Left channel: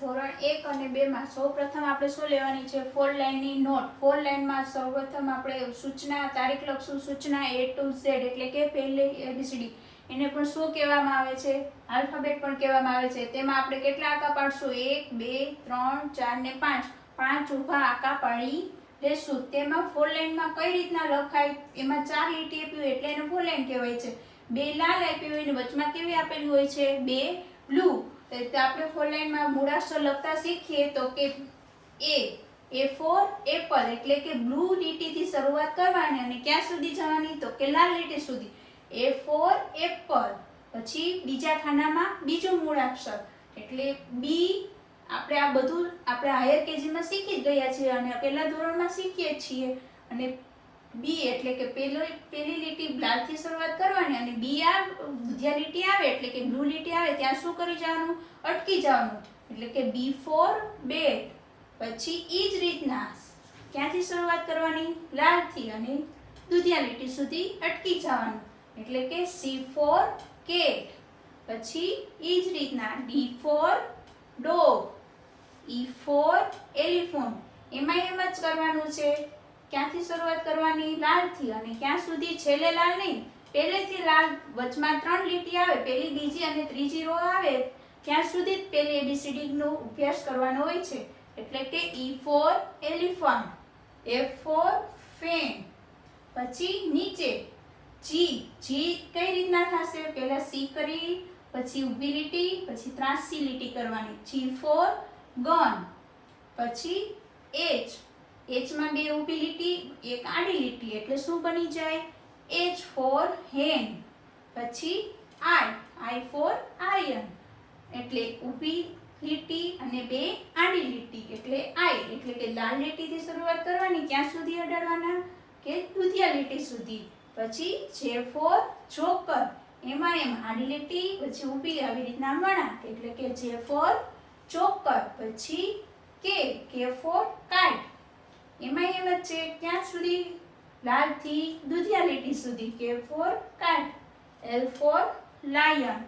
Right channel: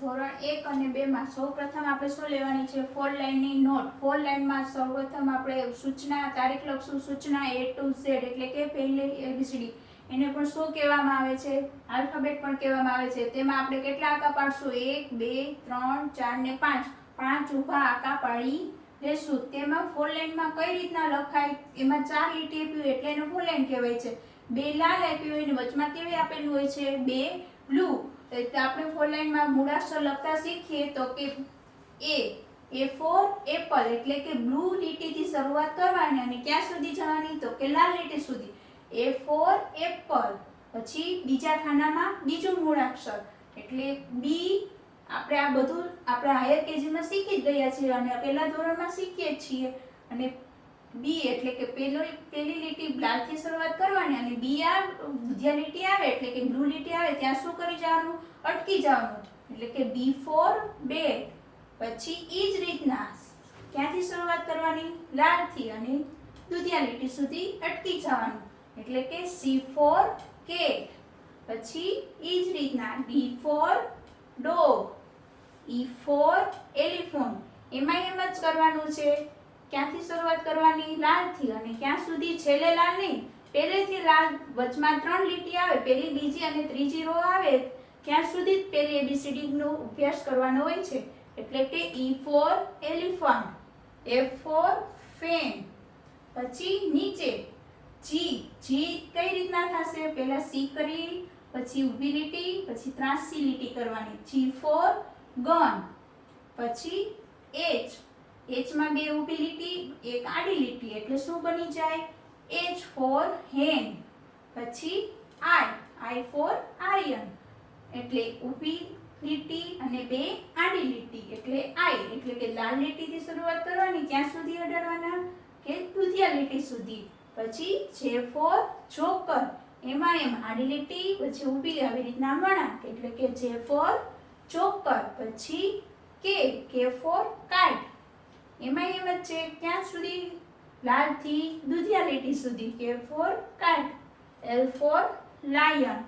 ધોરણ 1 અને 2 માં સૌપ્રથમ આપણે શું લેવાની છે? 4 લાઈનની નોટ. 4 લાઈનમાં સૌપ્રથમ આપણે સૂચના તારીખ લખશું. સૂચના A to Z એટલે કે પહેલી ABCD. એને પણ શું કહેવામાં આવે છે? આલ્ફાબેટ પણ કહેવામાં આવે છે. તેમાં આપણે કેટલા આંકા પાડશું? 1 2 3 4 ને 5. 5 ઊભા આંકા પાડી લેશું. તેમાં 4 લાઈનમાં કઈ રીતના લખાય? એમાં 4 લીટી આપી હોય એટલે એને 4 લાઈન કહેવાય છે. 2 લાલ આપી હોય ને વચમાં કેવી આપેલી હોય છે? 2 બ્લુ. તો આપણે 4 લાઈનમાં મૂળાક્ષર લખતા શીખીએ તો કે A ફોર એપલ એટલે કે બ્લુ લીટીથી શરૂઆત કરવાની અને ક્યાં સુધી જવાની? તો કે લાલ લીટી સુધી. A four Apple. પછી બીજા ખાનામાં બીજું મૂળાક્ષર એટલે B. આપણે આ બધું આપણે હાયર કેજીમાં શીખી જ ગયા છીએ અને પહેલા ધોરણમાં શીખીએ છીએ. અને B એટલે કે પહેલી લીટી લાલથી શરૂઆત કરવાની અને B આ બીજા લીટી આવે એટલે કે બ્લુ લીટી આવે ત્યાં શું કરી જવાનું? અટકી જવાનું. એટલે કે B ફોર બેટ. પછી ઈ જ રીતના ક્યાંથી શરૂઆત કરવાની? લાલથી અને દુધિયા લીટી સુધી અટકી જવાનું. એટલે કે C ફોર કેટ. પછી ઈ જ રીતના D four dog. E for elephant. એમાં એમ જ કરવાનું છે. ક્યાંથી શરૂઆત કરવાની? લાલથી અને ક્યાં સુધી? છેલ્લે લાલ નહીં, પહેલેથી લાલ. વચમાં 3 લીટી આવે, પહેલી બીજી અને ત્રીજી રો આવે ત્યાં સુધી જ પહેલી ABCD નો અભ્યાસ કરવાનો હોય છે. એટલે કે E for elephant, F for fan. પછી નીચે G. કઈ રીતના થશે? પહેલા C કરી, પછી ઊભી લીટી, પછી ત્રાંસી લીટી કરવાની. G four gun. પછી H માં 2 ઊભી લીટી, 1 આડી લીટી એટલે શું બની જાય? H ફોર હેન. પછી I ફોર આર્યન એટલે ઊભી લીટી અને 2 આડી લીટી એટલે I. એટલે કે લાલ લીટીથી શરૂઆત કરવાની. ક્યાં સુધી અડાડવાના? કે દુધિયા લીટી સુધી. પછી J ફોર જોકર. એમાં આડી લીટી પછી ઊભી આવી રીતના વળાંક એટલે કે J ફોર જોકર. પછી K ફોર કાઇટ. એમાં એમ જ છે ક્યાં સુધી? લાલથી દુધિયા લીટી સુધી. K for kite. L for lion.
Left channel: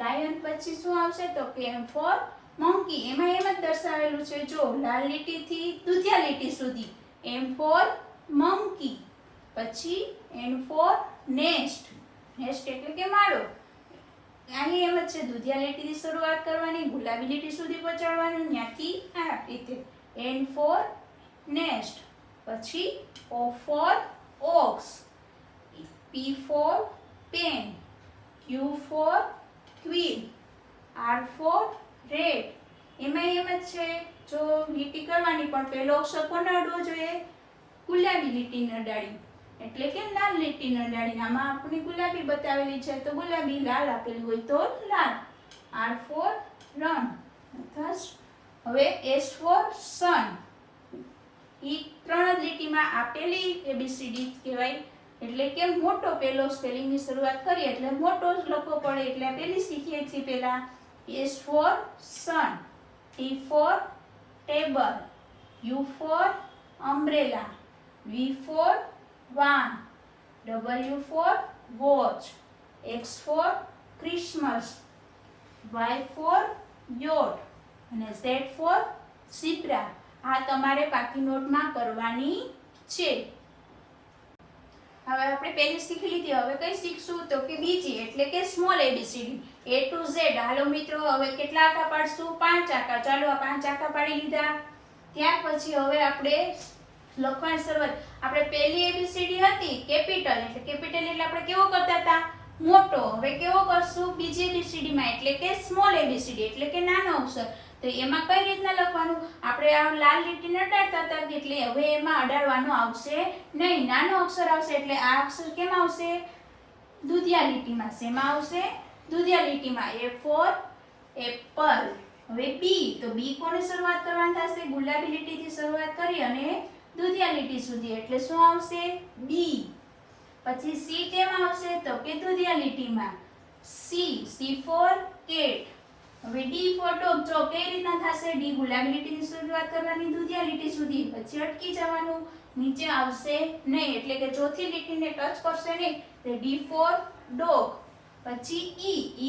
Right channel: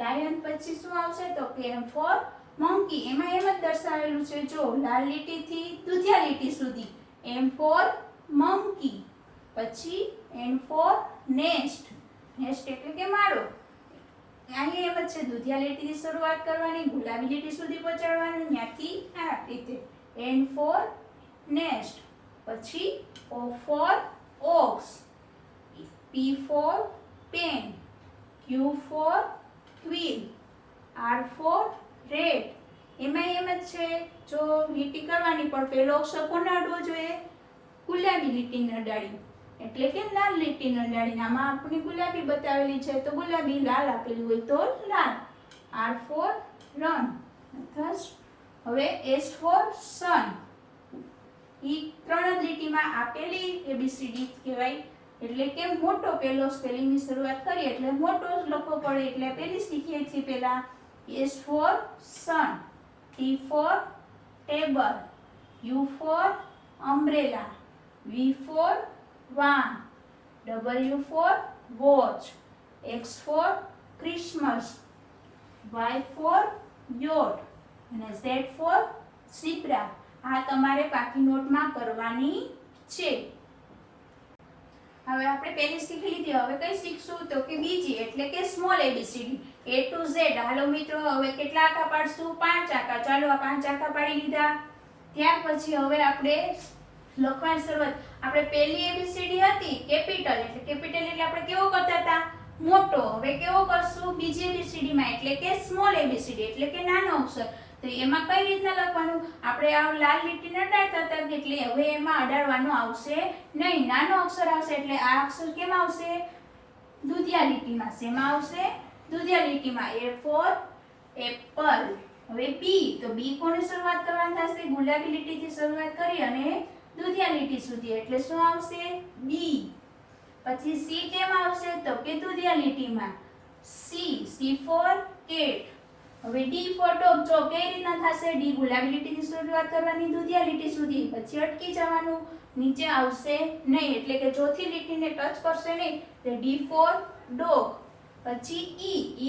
Lion પછી શું આવશે? તો કે M ફોર મંકી. એમાં એમ જ દર્શાવેલું છે જો લાલ લીટીથી દુધિયા લીટી સુધી. M four monkey. પછી N ફોર નેસ્ટ. નેસ્ટ એટલે કે માળો. અહીં એમ જ છે દુધિયા લીટીથી શરૂઆત કરવાની, ગુલાબી લીટી સુધી પહોંચાડવાનું, ત્યાંથી આ રીતે. N for nest. પછી O for ox. P for pen. Q for queen. R for red. એમાં એમ જ છે જો લીટી કરવાની પણ પહેલો અક્ષર કોને અડવો જોઈએ? ગુલાબી લીટીને અડાડી એટલે કે લાલ લીટીને અડાડીને. આમાં આપણી ગુલાબી બતાવેલી છે તો ગુલાબી, લાલ આપેલી હોય તો લાલ. R for run. હવે S ફોર સન. ઈ 3 જ લીટીમાં આપેલી ABCD કહેવાય. એટલે કે મોટો પહેલો સ્પેલિંગની શરૂઆત કરીએ એટલે મોટો જ લખવો પડે એટલે પહેલી શીખીએ છીએ પહેલા. S for sun. T for table. U for umbrella. V for van. W for watch. X for Christmas. Y for yacht અને Z ફોર ઝીબ્રા. આ તમારે પાકી નોટમાં કરવાની છે. હવે આપણે પહેલી શીખી લીધી. હવે કઈ શીખશું? તો કે બીજી એટલે કે small ABCD. A to Z. હાલો મિત્રો હવે કેટલા આંકા પાડશું? 5 આંકા. ચાલો આ 5 આંકા પાડી લીધા. ત્યાર પછી હવે આપણે લખવાની શરૂઆત. આપણે પહેલી ABCD હતી કેપિટલ એટલે આપણે કેવો કરતા હતા? મોટો. હવે કેવો કરશું? બીજી ABCD માં એટલે કે સ્મોલ ABCD એટલે કે નાનો અક્ષર. તો એમાં કઈ રીતના લખવાનું? આપણે આ લાલ લીટીને અડાડતા હતા એટલે હવે એમાં અડાડવાનો આવશે નહીં, નાનો અક્ષર આવશે. એટલે આ અક્ષર કેમ આવશે? દુધિયા લીટીમાં. શેમાં આવશે? દુધિયા લીટીમાં. A four Apple. હવે B. તો B કોને શરૂઆત કરવાની થશે? ગુલાબી લીટીથી શરૂઆત કરી અને દુધિયા લીટી સુધી એટલે શું આવશે? B. પછી C કેમ આવશે? તો કે દુધિયા લીટીમાં. C four cat. હવે D ફોર ડોગ. જો કઈ રીતના થશે? D ગુલાબી લીટીની શરૂઆત કરવાની દુધિયા લીટી સુધી, પછી અટકી જવાનું, નીચે આવશે નહીં એટલે કે ચોથી લીટીને ટચ કરશે નહીં. તો D ફોર ડોગ. પછી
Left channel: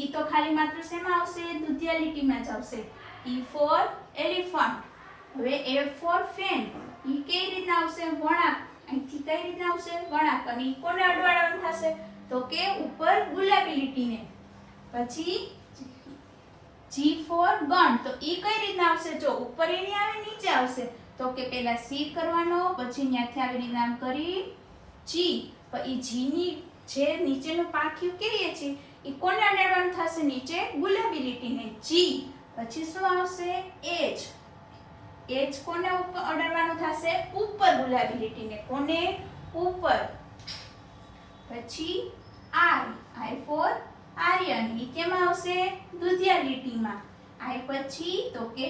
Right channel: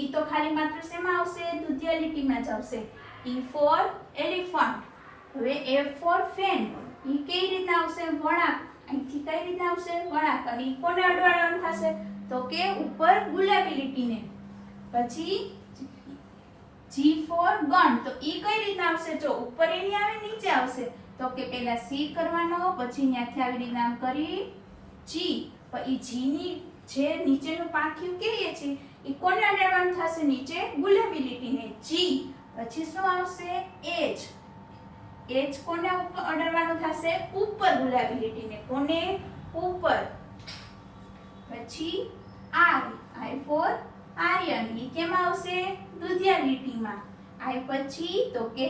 E. તો ખાલી માત્ર શેમાં આવશે? દુધિયા લીટીમાં જ આવશે. E for elephant. હવે F for fan. ઈ કઈ રીતના આવશે? વળાંક. અહીંથી કઈ રીતના આવશે? વળાંક. અને ઈ કોને અડવાળાનું થશે? તો કે ઉપર ગુલાબી લીટીને. પછી G for gun. તો ઈ કઈ રીતના આવશે? જો ઉપર એની આવે, નીચે આવશે. તો કે પહેલા C કરવાનો, પછી ત્યાંથી આવી રીતના આમ કરી G. પણ ઈ G ની જે નીચેનું પાંખિયું કહીએ છીએ ઈ કોને અડાડવાનું થશે? નીચે ગુલાબી લીટીને. G. પછી શું આવશે? H. H કોને ઉપર અડાડવાનું થશે? ઉપર ગુલાબી લીટીને. કોને? ઉપર. પછી I. I for Aryan. ઈ કેમાં આવશે? દુધિયા લીટીમાં. I પછી તો કે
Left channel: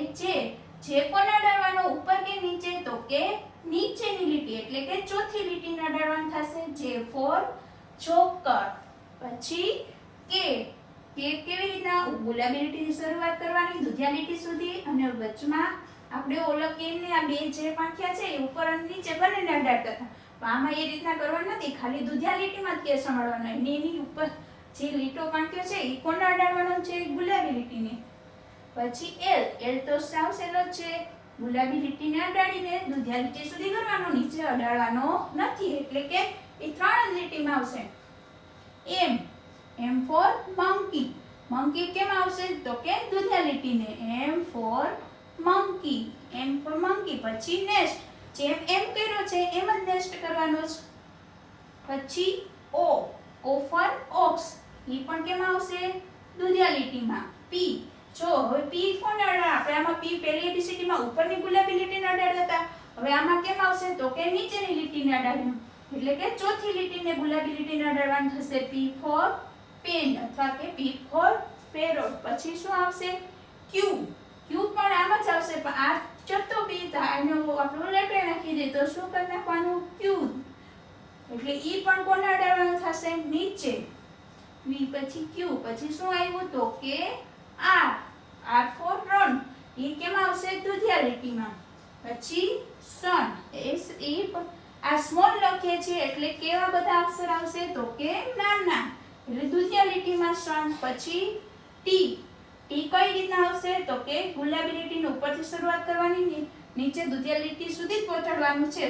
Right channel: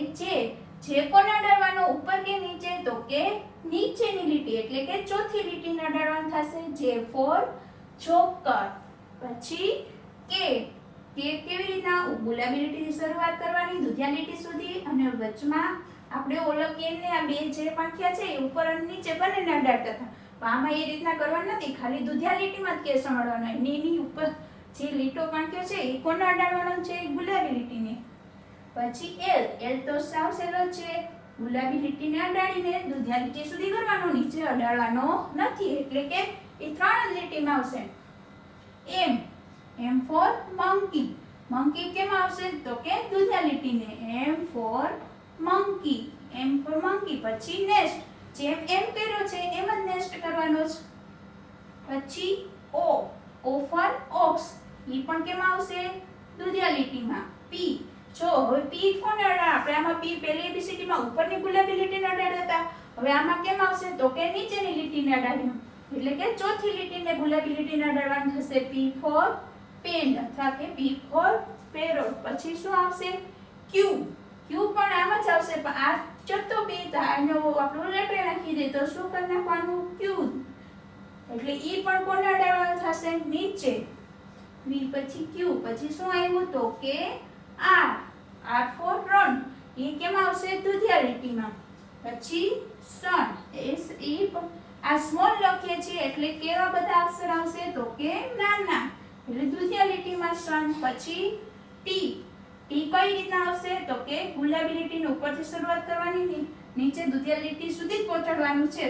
જે કોને અડાડવાનો? ઉપર કે નીચે? તો કે નીચેની લીટી એટલે કે ચોથી લીટીને અડાડવાનું થશે. J for joker. પછી K. કેવી રીતના? ગુલાબી લીટીની શરૂઆત કરવાની દુધિયા લીટી સુધી, અને વચમાં આપણે ઓલા કેમને આ બે જે પાંખિયા છે એ ઉપર અને નીચે બંનેને અડાડતા હતા. પણ આમાં એ રીતના કરવાનું નથી, ખાલી દુધિયા લીટીમાં જ કેસ અડાડવાનો. એની ઉપર જે લીટો પાંખ્યો છે એ કોને અડાડવાનો છે? ગુલાબી લીટીને. પછી L. L તો સાવ સહેલો છે, ગુલાબી લીટીને અડાડીને દુધિયા લીટી સુધી કરવાનો, નીચે અડાડવાનો નથી, એટલે કે એ ત્રણ જ લીટીમાં આવશે. M. M for monkey. monkey કેમ આવશે? તો કે દુધિયા લીટીને. M for monkey. M for monkey. પછી nest. જેમ M કર્યો છે એમ જ nest કરવાનો છે. પછી O. O for ox. ઈ પણ કેમ આવશે? દુધિયા લીટીમાં. P. જો હવે P કોને અડાડે? આપણે આમાં P પહેલી ABCD માં ઉપરની ગુલાબી લીટીને અડાડતા હતા. હવે આમાં કેમ આવશે? તો કે નીચેની લીટીને અડાડવાનું. એટલે કે ચોથી લીટીને ગુલાબી લીટીને અડાડવાનું થશે. P for pen અથવા કે P for parrot. પછી શું આવશે? Q. Q પણ આમ જ આવશે, પણ આ ચોથો P આનો આપણો લેટે નાખી દે તો શું કરી નાખવાનું? Q. એટલે ઈ પણ કોને અડાડવાનું થશે? નીચે. V પછી Q. પછી શું આવ્યું? તો કે R. R for run. ઈ કેમ આવશે? દુધિયા લીટીમાં. પછી sun. S E આ સ્મોલ લખીએ છીએ એટલે કેવા બધા અક્ષર આવશે? તો કે નાના, એટલે દુધિયા લીટીમાં sun. પછી T. T કઈ રીતના આવશે? તો કે ગુલાબી લીટીને ઉપરથી શરૂઆત કરવાની, નીચે દુધિયા લીટી સુધી જ પહોંચાડવાનું છે,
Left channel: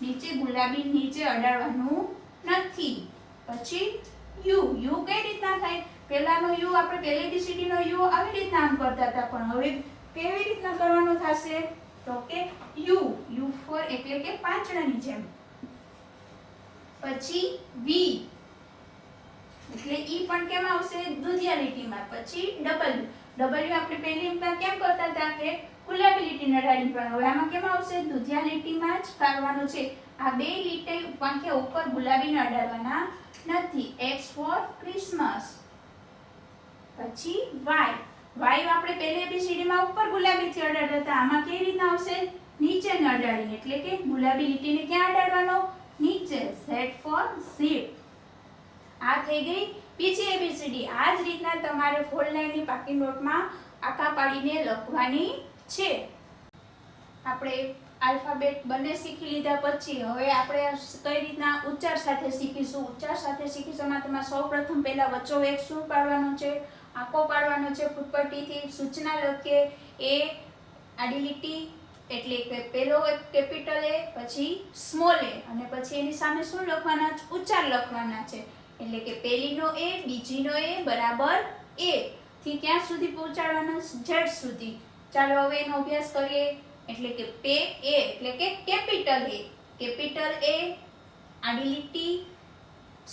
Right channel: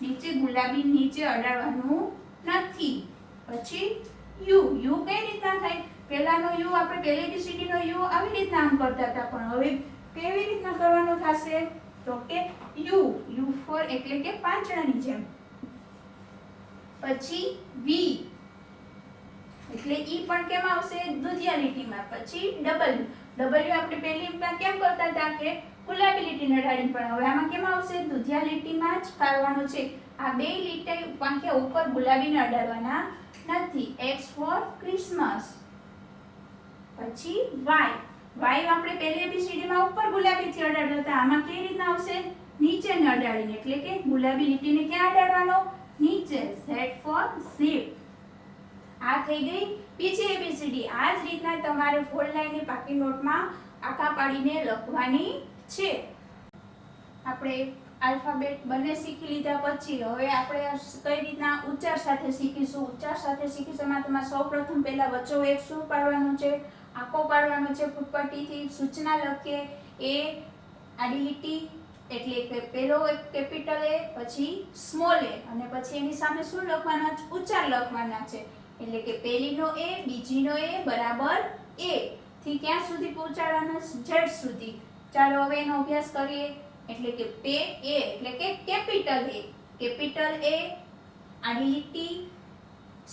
નીચે ગુલાબી નીચે અડાડવાનું નથી. પછી U. U કઈ રીતના થાય? પહેલાનો U આપણે પહેલી ABCD નો U આવી રીતના આમ કરતા હતા, પણ હવે કેવી રીતના કરવાનું થશે? તો કે U. U for એટલે કે પાંચડાની જેમ. પછી V. એટલે ઈ પણ કેમ આવશે? દુધિયા લીટીમાં. પછી W. W આપણે પહેલી કેમ કરતા હતા કે ગુલાબી લીટીને અડાડીને, પણ હવે આમાં કેમ આવશે? દુધિયા લીટીમાં જ કરવાનું છે. આ બે લીટી પાંખ્યા ઉપર ગુલાબીને અડાડવાના નથી. X for Christmas. પછી Y. Y આપણે પહેલી ABCD માં ઉપર ગુલાબીથી અડાડતા હતા, આમાં કેવી રીતના આવશે? નીચેને અડાડીને, એટલે કે ગુલાબી લીટીને ક્યાં અડાડવાનો? નીચે. Z for zip. આ થઈ ગઈ બીજી ABCD. આ જ રીતના તમારે 4 લાઈનની પાકી નોટમાં આખા પાડીને લખવાની છે. આપણે આલ્ફાબેટ બંને શીખી લીધા પછી હવે આપણે કઈ રીતના ઉચ્ચાર સાથે શીખીશું. ઉચ્ચાર સાથે શીખીશું તેમાં સૌપ્રથમ પહેલા વચ્ચો એક શું પાડવાનું છે? આંકો પાડવાનો છે ફૂટપટ્ટીથી. સૂચના લખીએ. A આડી લીટી એટલે કે પહેલો એક કેપિટલ A, પછી સ્મોલ a, અને પછી એની સામે શું લખવાના છે? ઉચ્ચાર લખવાના છે. એટલે કે પહેલીનો A, બીજીનો A બરાબર A થી ક્યાં સુધી પહોંચાડવાના? Z સુધી. ચાલો હવે એનો અભ્યાસ કરીએ. એટલે કે A એટલે કે કેપિટલ A. કેપિટલ A આડી લીટી,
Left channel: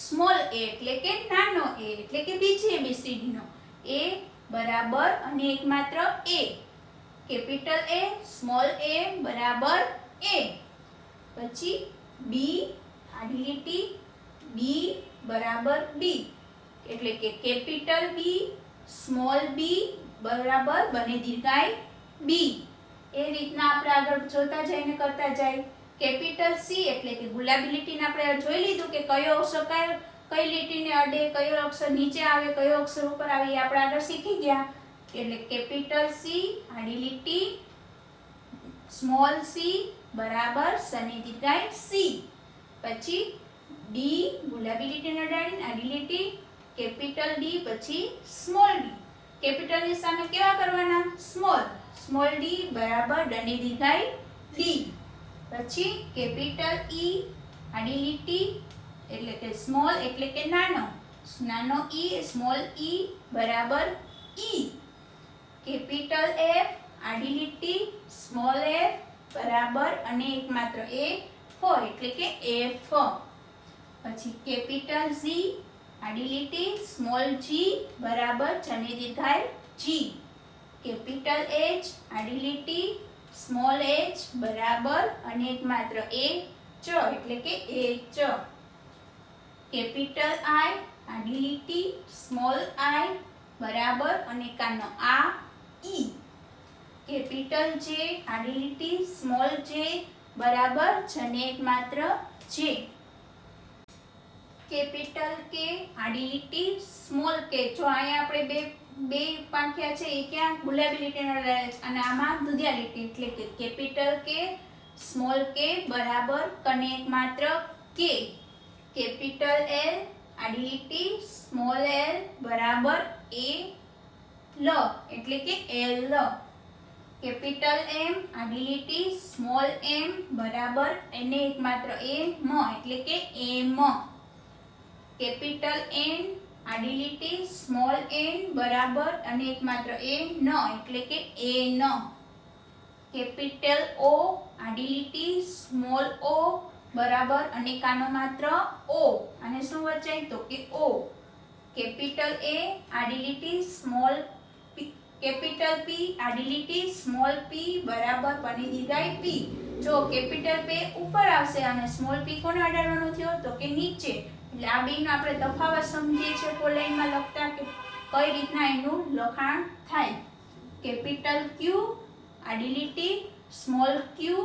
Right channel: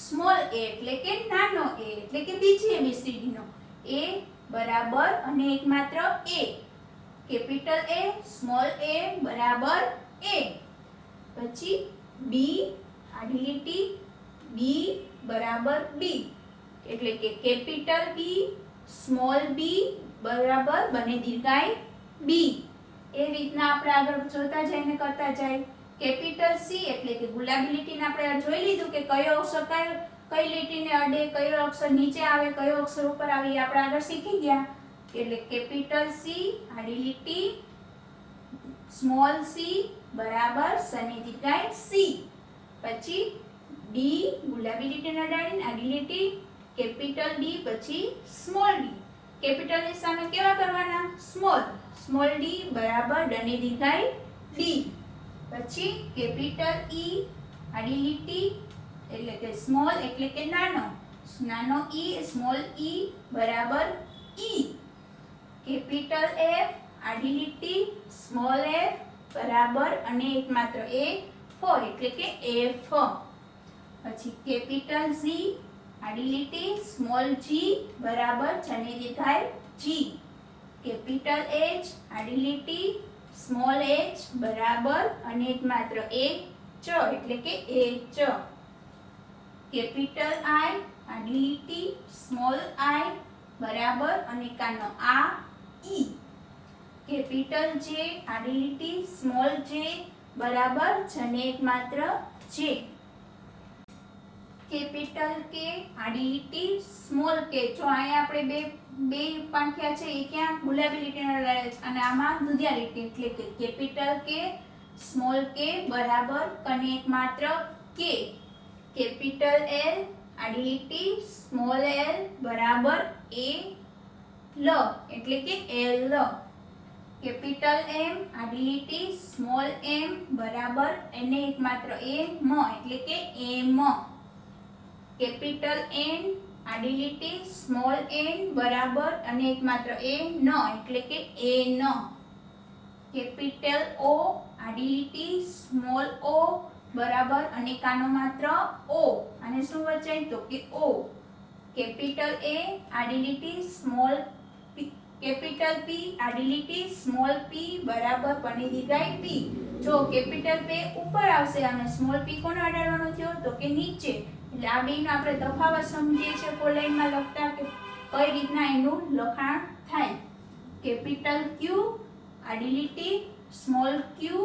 સ્મોલ a એટલે કે નાનો a એટલે કે બીજી ABCD નો A બરાબર અને એકમાત્ર A. Capital A small a બરાબર A. પછી B આડી લીટી, B બરાબર B એટલે કે કેપિટલ B સ્મોલ b બરાબર બને દીર્ઘાય B. એ રીતના આપણે આગળ જોતા જઈને કરતા જાય. કેપિટલ C એટલે કે ગુલાબી લીટીને આપણે જોઈ લીધું કે કયો અક્ષર કઈ લીટીને અડે, કયો અક્ષર નીચે આવે, કયો અક્ષર ઉપર આવે એ આપણે આગળ શીખી ગયા. એટલે કેપિટલ C આડી લીટી, સ્મોલ c બરાબર સની દીર્ઘાય C. પછી D ગુલાબી લીટીને અડાડીને આડી લીટી, કેપિટલ D પછી સ્મોલ d. કેપિટલ ની સામે કેવા કરવાના? સ્મોલ. સ્મોલ ડી બરાબર ડની દીર્ઘાઈ ડી. પછી કેપિટલ ઈ આડી લીટી એટલે કે સ્મોલ એટલે કે નાનો, નાનો ઈ સ્મોલ ઈ બરાબર ઈ. કેપિટલ એફ આડી લીટી સ્મોલ એફ બરાબર અને એકમાત્ર એ ફોર એટલે કે એફ. પછી કેપિટલ ઝી આડી લીટી સ્મોલ જી બરાબર જની દીર્ઘાઈ જી. કેપિટલ એચ આડી લીટી સ્મોલ એચ બરાબર અને એકમાત્ર એ ચ એટલે કે એ ચ. કેપિટલ આઈ આડી લીટી સ્મોલ આઈ બરાબર અને કાનો આ ઈ. કેપિટલ જે આડી લીટી સ્મોલ જે બરાબર જને એકમાત્ર જે. કેપિટલ કે આડી લીટી સ્મોલ કે. જો અહીંયા આપણે બે પાંખ્યા છે એ ક્યાં ગુલાબી લીટીનો લડાય છે અને આમાં દુધિયા લીટી એટલે કે કેપિટલ કે સ્મોલ કે બરાબર કને એકમાત્ર કે. કેપિટલ એલ આડી લીટી સ્મોલ એલ બરાબર એ લ એટલે કે એલ. કેપિટલ એમ આડી લીટી સ્મોલ એમ બરાબર એને એકમાત્ર એ મ એટલે કે એમ. કેપિટલ એન આડી લીટી સ્મોલ એન બરાબર અને એકમાત્ર એ ન એટલે કે એ ન. કેપિટલ ઓ આડી લીટી સ્મોલ ઓ બરાબર અને કાનો માત્ર ઓ અને શું વચાય તો કે ઓ. કેપિટલ એ આડી લીટી સ્મોલ કેપિટલ પી આડી લીટી સ્મોલ પી બરાબર બની દીર્ઘાઈ પી. જો કેપિટલ પે ઉપર આવશે અને સ્મોલ પી કોને અડાડવાનો થયો તો કે નીચે. એટલે આ બેનો આપણે તફાવત સમજીએ છીએ ફોર લાઈનમાં લખતા કે કઈ રીતના એનું લખાણ થાય. કેપિટલ ક્યુ આડી લીટી સ્મોલ ક્યુ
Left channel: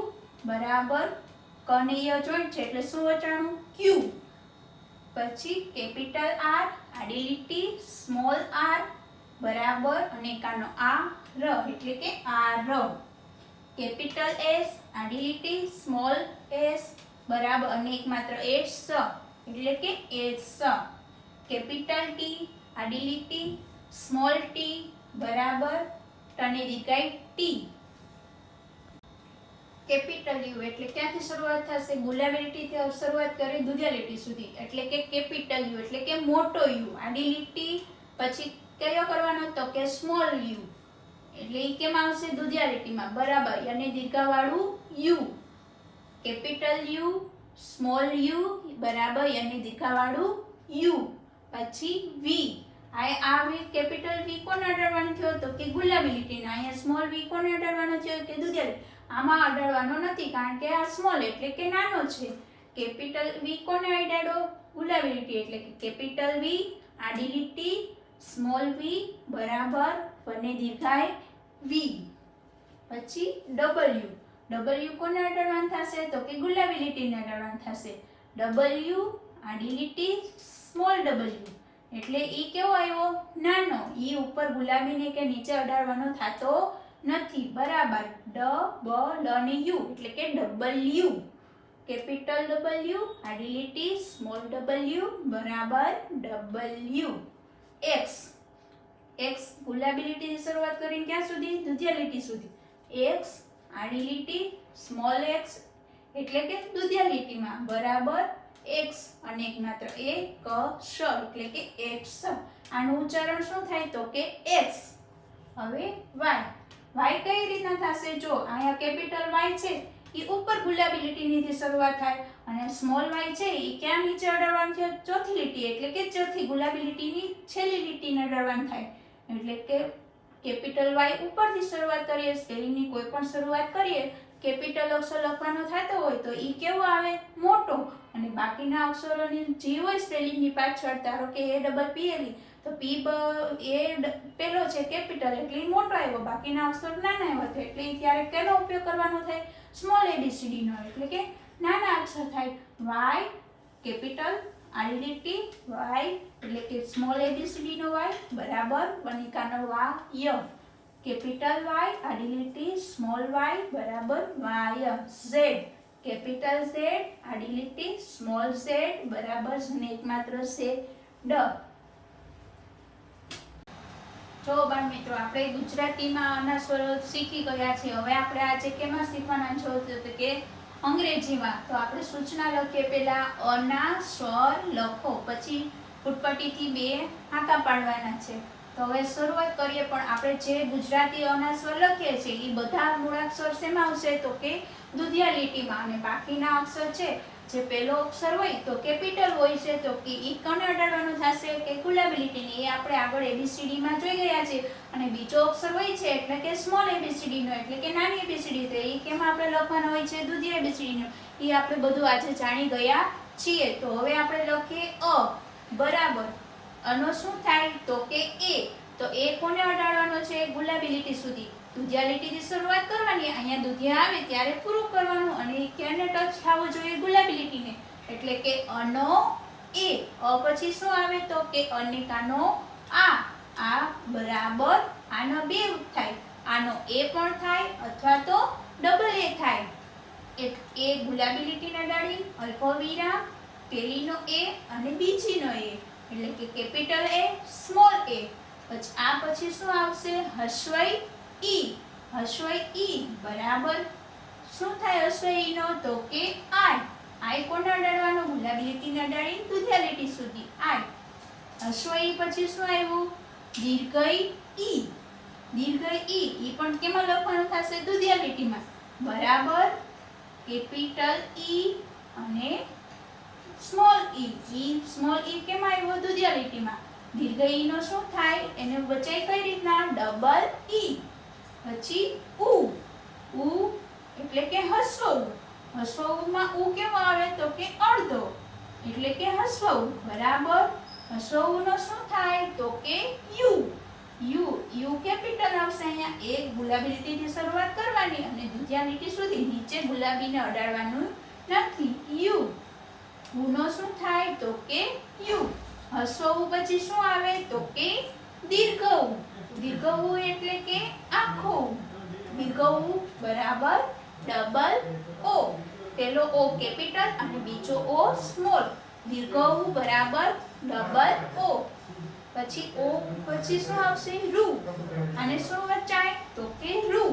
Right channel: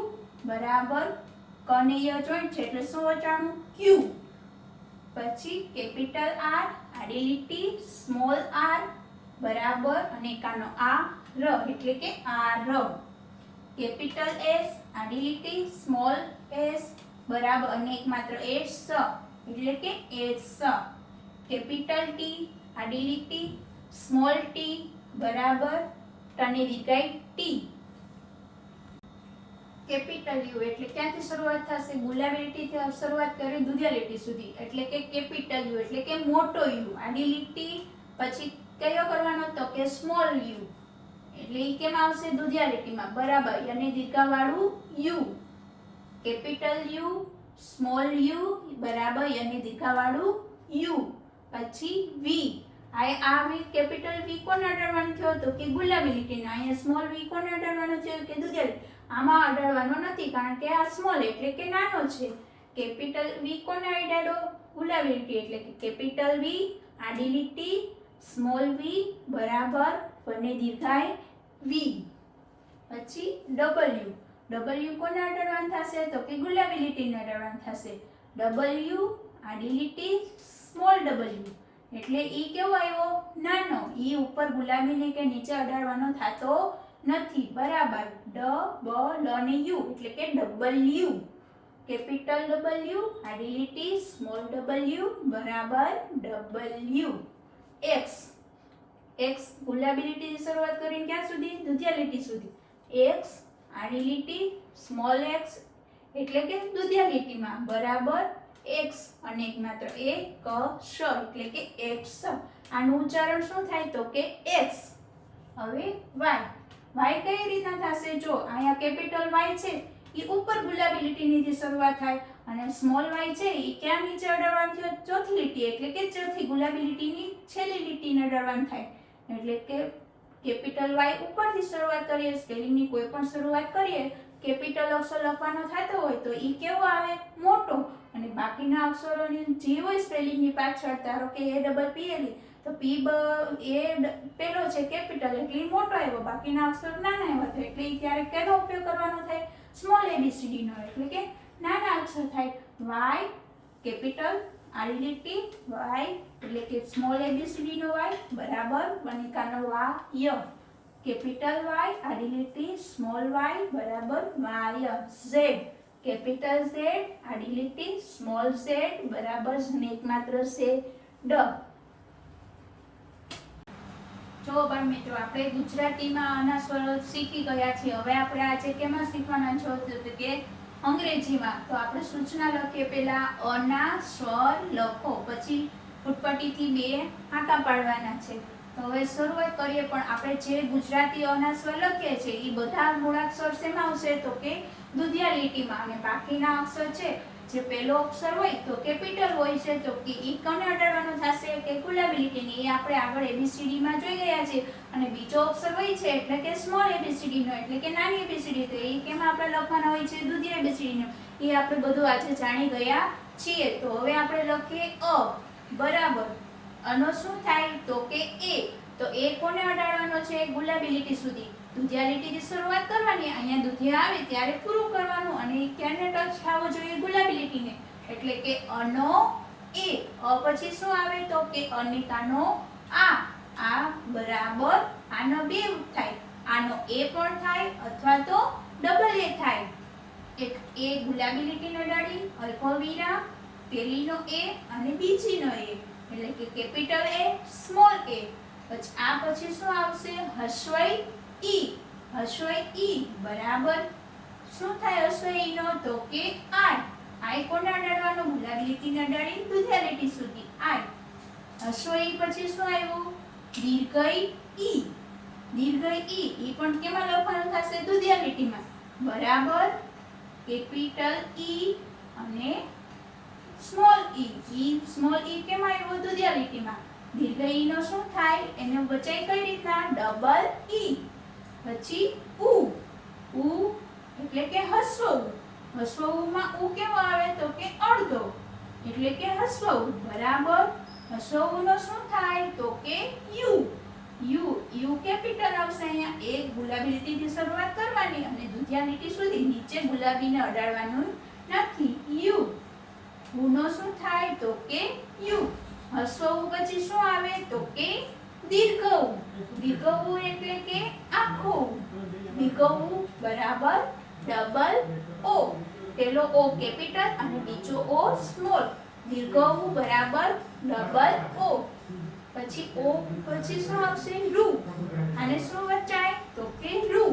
બરાબર કનેય જોઈન્ટ છે એટલે શું વચાણું ક્યુ. પછી કેપિટલ આર આડી લીટી સ્મોલ આર બરાબર અને કાનો આ ર એટલે કે આ ર. કેપિટલ એસ આડી લીટી સ્મોલ એસ બરાબર અને એકમાત્ર એસ એટલે કે એસ. કેપિટલ ટી આડી લીટી સ્મોલ ટી બરાબર ટની દીર્ઘાઈ ટી. કેપિટલ યુ એટલે ક્યાંથી શરૂઆત થશે ગુલાબી લીટીથી શરૂઆત કરી દુધિયા લીટી સુધી એટલે કે કેપિટલ યુ એટલે કે મોટો યુ. આડી લીટી પછી કયો કરવાનો તો કે સ્મોલ યુ એટલે ઈ કેમ આવશે દુધિયા લીટીમાં બરાબર અને દીર્ઘાવાળું U. Capital U small U બરાબર અને દીર્ઘાવાળું યુ. પછી વી આ વી કેપિટલ વી કોને અડાડવાનો થયો તો કે ગુલાબી લીટીનો. અહીંયા સ્મોલ વી કોને અડાડવાનો થયો કે દુધિયા લીટી. આમાં અડાડવાનો નથી કારણ કે આ સ્મોલ એટલે કે નાનો છે. કેપિટલ વી કોને અડાડો ગુલાબી લીટી એટલે કે કેપિટલ વી આડી લીટી સ્મોલ વી બરાબર બને દીર્ઘાઈ વી. પછી ડબલ્યુ ડબલ્યુ કોને અડાડવાનું થશે તો કે ગુલાબી લીટીને અડાડવાનું થશે. ડબલ્યુ આડી લીટી સ્મોલ ડબલ્યુ એટલે ઈ કેવો આવ્યો નાનો. ઈ ઉપર ગુલાબીને કે નીચે અડાડવાનો થતો નથી બરાબર. ડ બ લ ને યુ એટલે કે ડબલ્યુ. કેપિટલ ડબલ્યુ આડી લીટી સ્મોલ ડબલ્યુ બરાબર ડબલ્યુ. એક્સ એક્સ ગુલાબી લીટીથી શરૂઆત કરીને ક્યાં સુધી દુધિયા લીટી સુધી. એક્સ આડી લીટી સ્મોલ એક્સ એટલે કે દુધિયા લીટીમાં બરાબર એક્સ અને એકમાત્ર એ ક શ એટલે કે એક્સ. આનું ઉચ્ચારણ શું થાય તો કે એક્સ. હવે વાય વાય કઈ રીતના થશે જો અહીંયા કેપિટલ વાય છે એ ઉપર ગુલાબી લીટીની શરૂઆત થાય અને સ્મોલ વાય છે એ ક્યાં નીચે અડાડવાનું છે ચોથી લીટી એટલે કે ચોથી ગુલાબી લીટીની છેલ્લી લીટીને અડાડવાનું થાય. એટલે કે કેપિટલ વાય ઉપરથી શરૂઆત કરીએ સ્પેલિંગની કોઈ પણ શરૂઆત કરીએ કેપિટલ અક્ષર લખવાનો થતો હોય તો એ કેવો આવે મોટો અને બાકીના અક્ષરોની જે હોય સ્પેલિંગની પાછળ ધારો કે એ ડબલ પી એલ તો પી એ પેલો છે કેપિટલ એટલે મોટો આવ્યો બાકીના અક્ષર નાના આવ્યા તો એટલે ત્યારે કેનો ઉપયોગ કરવાનો થાય સ્મોલ એબીસીડી નો એટલે કે નાના અક્ષર થાય. વાય કેપિટલ આડી લીટી વાય એટલે કે સ્મોલ એબીસીડી નો વાય બરાબર વનિકાનો વાય. કેપિટલ વાય આડી લીટી સ્મોલ વાય બરાબર વાય. ઝેડ કેપિટલ ઝેડ આડી લીટી સ્મોલ ઝેડ બરાબર એકમાત્ર છે ડ. જો બાળ મિત્રો, આપણે ગુજરાતીમાં આના સ્વરો શીખી ગયા છીએ. હવે આપણે આજે કેમાં શીખવાના છો તો કે અંગ્રેજીમાં. તો આપણે સૂચના લખીએ. પહેલા અના સ્વર લખો, પછી ફૂટપટ્ટીથી 2 આંકા પાડવાના છે. તો હવે શરૂઆત કરીએ. પણ આપણે જે ગુજરાતી અના સ્વર લખીએ છીએ એ બધા મૂળાક્ષર શેમાં આવશે તો કે દુધિયા લીટીમાં. અને બાકીના અક્ષર છે, જે પહેલો અક્ષર હોય તો કેપિટલ હોય છે, તો કે ઈ કોને અડાડવાનો થશે કે ગુલાબી લીટીને. એ આપણે આગળ ABCD માં જોઈ ગયા છીએ. અને બીજો અક્ષર હોય છે એટલે કે સ્મોલ ABCD નો, એટલે કે નાની ABCD. તો એ કેમાં આપણે લખવાનો હોય છે દુધિયા ABCD નો. એ આપણે બધું આજે જાણી ગયા છીએ. તો હવે આપણે લખીએ અ બરાબર. અનો શું થાય તો કે એ. તો એ કોને અડાડવાનો છે ગુલાબી લીટી સુધી. દુધિયા લીટીથી શરૂઆત કરવાની. અહીંયા દુધિયા આવે ત્યારે પૂરું કરવાનું. અને ક્યાંને ટચ થવું જોઈએ ગુલાબી લીટીને. એટલે કે અનો એ. અ પછી શું આવે તો કે અનિકાનો આ બરાબર. આનો 2 થાય. આનો એ પણ થાય અથવા તો ડબલ એ થાય. એક એ ગુલાબી લીટીને અડાડી અલ્પવિરામ, પેલીનો એ અને બીજીનો એ, એટલે કે કેપિટલ એ સ્મોલ એ. પછી આ પછી શું આવશે હસ્વઈ ઈ. હસ્વઈ ઈ બરાબર શું થાય હસ્વઈ ઈ નો તો કે આઈ. આઈ કોને અડાડવાનો ગુલાબી લીટીને અડાડી દુધિયા લીટી સુધી આઈ. હસ્વઈ પછી શું આવ્યું દીર્ઘઈ ઈ. દીર્ઘઈ ઈ. ઈ પણ કેમાં લખવાનું થશે દુધિયા લીટીમાં બરાબર. કેપિટલ ઈ અને સ્મોલ ઈ. ઈ સ્મોલ ઈ કેમાં આવ્યો દુધિયા લીટીમાં. દીર્ઘ ઈ નો શું થાય એને બચાઈ કઈ રીતના ડબલ ઈ. પછી ઉ. ઉ એટલે કે હસ્વ ઉ. હસ્વ ઉ માં ઉ કેવો આવે તો કે અડધો, એટલે કે હસ્વ ઉ બરાબર. હસ્વ ઉ નો શું થાય તો કે યુ. યુ. યુ કેપિટલ આવશે. અહીંયા એક ગુલાબી લીટીથી શરૂઆત કરવાની અને દુધિયા લીટી સુધી નીચે ગુલાબીને અડાડવાનું નથી. યુ. ઉ નો શું થાય તો કે યુ. હસ્વ ઉ પછી શું આવે તો કે દીર્ઘ ઉ. દીર્ઘ ઉ એટલે કે આખો ઉ. દીર્ઘ ઉ બરાબર ડબલ ઓ. પેલો ઓ કેપિટલ અને બીજો ઓ સ્મોલ. દીર્ઘ ઉ બરાબર ડબલ ઓ. પછી ઓ પછી શું આવશે રૂ. અને શું વચાય તો કે રૂ.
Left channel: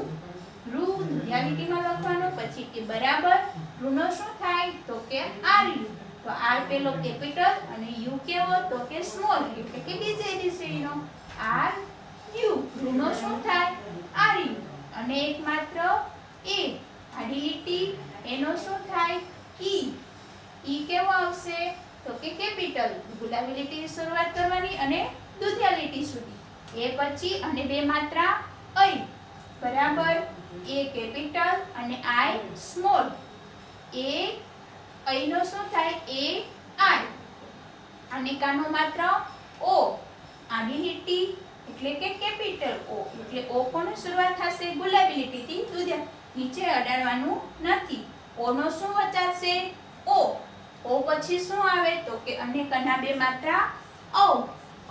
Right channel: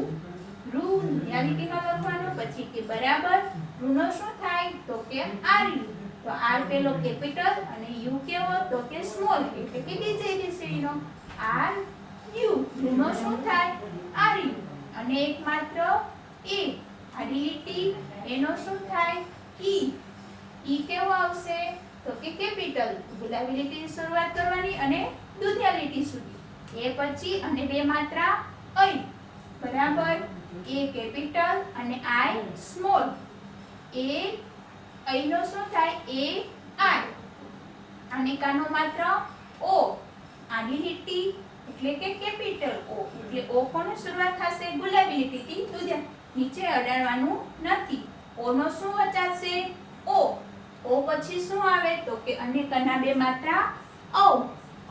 રૂ દુધિયા લીટીમાં લખવાનું. પછી કે બરાબર રૂ નો શું થાય તો કે આર્યુ. તો આર પેલો કેપિટલ અને યુ કેવો તો કે સ્મોલ, એટલે કે બીજી ABCD નો આર યુ. યુ નો શું થાય આર યુ. અને એક માત્ર એ આડી લીટી એનો શું થાય ઈ. ઈ કેવો આવશે તો કે કેપિટલ. ગુલાબી લીટીની શરૂઆત કરવાની અને દુધિયા લીટી સુધી. એ પછી અને 2 માત્રા અઈ બરાબર. એ કેપિટલ અને આઈ સ્મોલ. એ અઈ નો શું થાય એ આઈ. અને કાનો માત્ર ઓ આડી લીટી એટલે કે કેપિટલ ઓ. એટલે ઓ કોને શરૂઆત થશે ગુલાબી લીટીથી દુધિયા. નીચે અડાડવાનું નથી. ઓ નો શું વચાશે ઓ. ઓ પછી શું આવે તો કે અનેકના 2 માત્રા ઔ.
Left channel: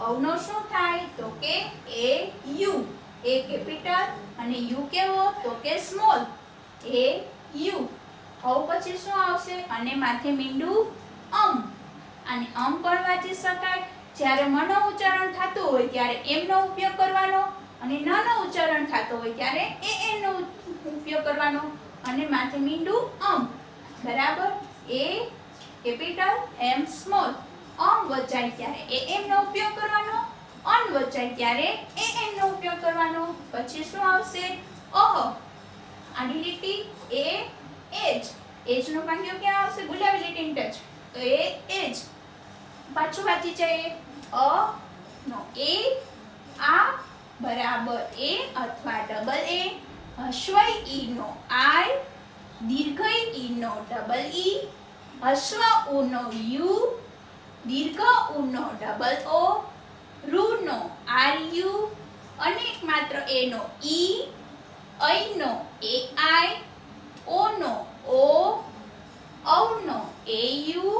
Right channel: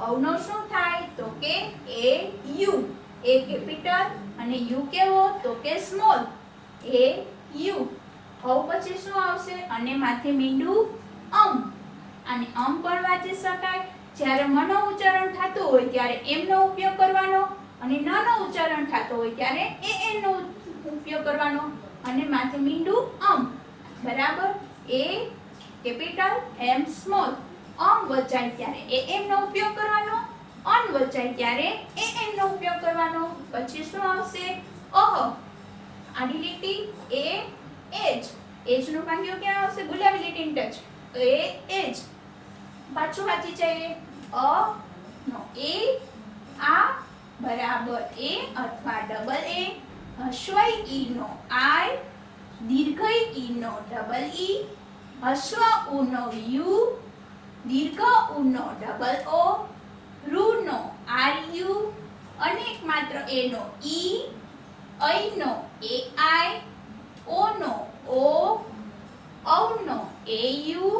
ઔ નો શું થાય તો કે એ યુ. એ કેપિટલ અને યુ કેવો તો કે સ્મોલ. A you. ઔ પછી શું આવશે અને માથે મીંડું અમ. અને અમ પણ વાંચી શકાય. જ્યારે મનો ઉચ્ચારણ થતું હોય ત્યારે એમ નો ઉપયોગ કરવાનો, અને ન નો ઉચ્ચારણ થતો હોય ત્યારે એન નો ઉપયોગ કરવાનો. અને માથે મીંડું અમ બરાબર. એ કેપિટલ એમ સ્મોલ. અમ વચાય ત્યારે એમ નો ઉપયોગ કરવાનો. અન વચાય ત્યારે એન નો ઉપયોગ કરવાનો. પછી શું આવશે અહ. આડી લીટી એ એજ. એજ નો કાંડિયો ક્યાં આવશે ગુલાબી લીટીની ટચ. તો એ એજ. પાછું વાંચી જઈએ. અ નો એ આ બરાબર એ અથવા ડબલ એ. હસ્વઈ ઈ નો આઈ. દીર્ઘઈ ઈ નો ડબલ ઈ. હસ્વ ઉ નો યુ. દીર્ઘ ઉ નો ડબલ ઓ. રૂ નો આર યુ. અને એક માત્ર એ નો ઈ. અઈ નો એ આઈ. ઓ નો ઓ. ઔ નો એ યુ.